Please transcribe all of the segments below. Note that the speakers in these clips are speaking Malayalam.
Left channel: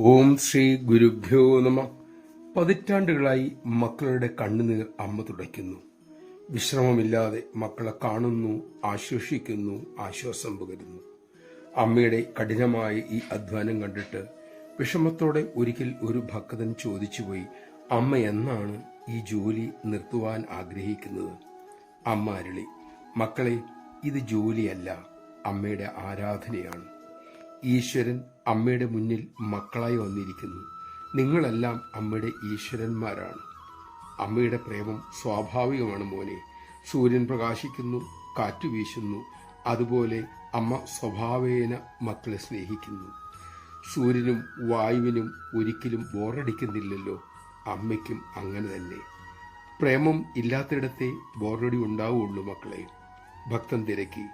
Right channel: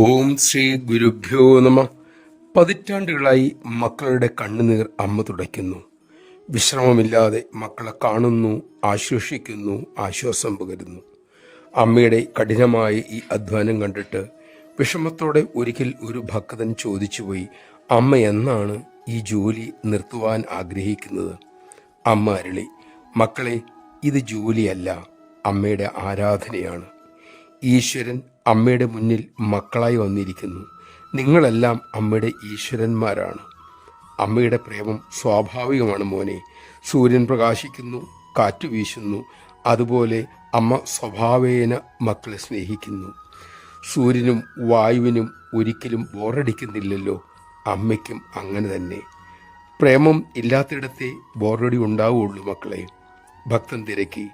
ഓം ശ്രീ ഗുരുഭ്യോ നമ. പതിറ്റാണ്ടുകളായി മക്കളുടെ കണ്ണുനീർ അമ്മ തുടയ്ക്കുന്നു. വിശ്രമമില്ലാതെ മക്കളെ കാണുന്നു, ആശ്വസിക്കുന്നു, ആശ്വാസം പകരുന്നു. അമ്മയുടെ കഠിനമായ ഈ അധ്വാനം കണ്ടിട്ട് വിഷമത്തോടെ ഒരിക്കൽ ഒരു ഭക്തൻ ചോദിച്ചുപോയി, അമ്മ എന്നാണ് ഈ ജോലി നിർത്തുവാൻ ആഗ്രഹിക്കുന്നത്? അമ്മ അരുളി, മക്കളെ, ഇത് ജോലിയല്ല, അമ്മയുടെ ആരാധനയാണ്. ഈശ്വരൻ അമ്മയുടെ മുന്നിൽ മക്കളായി വന്നിരിക്കുന്നു. നിങ്ങളെല്ലാം അമ്മയുടെ ഈശ്വരന്മാരാണ്. അമ്മയുടെ പ്രേമം സ്വാഭാവികമാണ് മോനെ. സൂര്യൻ പ്രകാശിക്കുന്നു, കാറ്റ് വീശുന്നു, അതുപോലെ അമ്മ സ്വഭാവേന മക്കളെ സ്നേഹിക്കുന്നു. സൂര്യനും വായുവിനും ഒരിക്കലും ബോറടിക്കുന്നില്ലല്ലോ. അമ്മയ്ക്കും അങ്ങനെ തന്നെ. പ്രേമം ഇല്ലാത്തിടത്തെ ബോറടി ഉണ്ടാവുകയുള്ളൂ മക്കളെ. ഭക്തൻ തിരക്കി,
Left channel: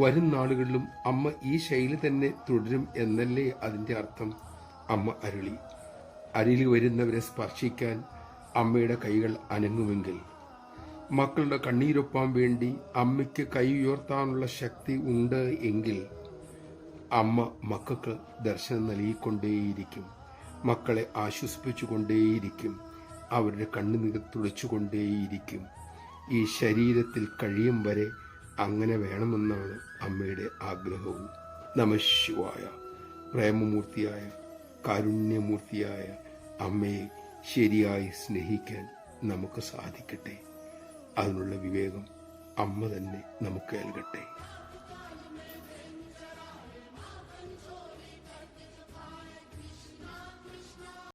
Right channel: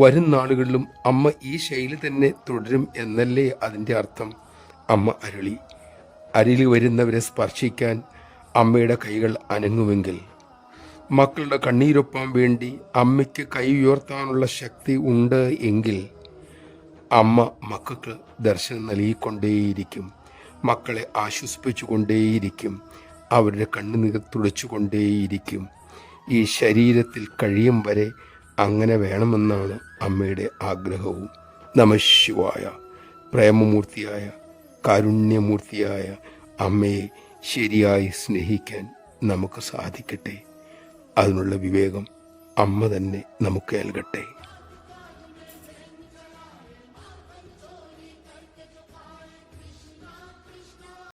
വരും നാളുകളിലും അമ്മ ഈ ശൈലി തന്നെ തുടരും എന്നല്ലേ അതിൻ്റെ അർത്ഥം? അമ്മ അരുളി, അരികിൽ വരുന്നവരെ സ്പർശിക്കാൻ അമ്മയുടെ കൈകൾ അനങ്ങുമെങ്കിൽ, മക്കളുടെ കണ്ണീരൊപ്പാൻ വേണ്ടി അമ്മയ്ക്ക് കൈ ഉയർത്താനുള്ള ശക്തി ഉണ്ട് എങ്കിൽ, അമ്മ മക്കൾക്ക് ദർശനം നൽകിക്കൊണ്ടേയിരിക്കും, മക്കളെ ആശ്വസിപ്പിച്ചുകൊണ്ടേയിരിക്കും, അവരുടെ കണ്ണുനീർ തുടച്ചുകൊണ്ടേയിരിക്കും. ഈ ശരീരത്തിൽ കഴിയും വരെ അങ്ങനെ വേണമെന്നാണ് അമ്മയുടെ ആഗ്രഹവും. നമഃശിവായ. പ്രേമമൂർത്തിയായ കാരുണ്യമൂർത്തിയായ അമ്മയെ ശരിയായി സ്നേഹിക്കാൻ നമുക്ക് സാധിക്കട്ടെ. അതിനുള്ള വിവേകം അമ്മ തന്നെ നമുക്ക് നൽകട്ടെ.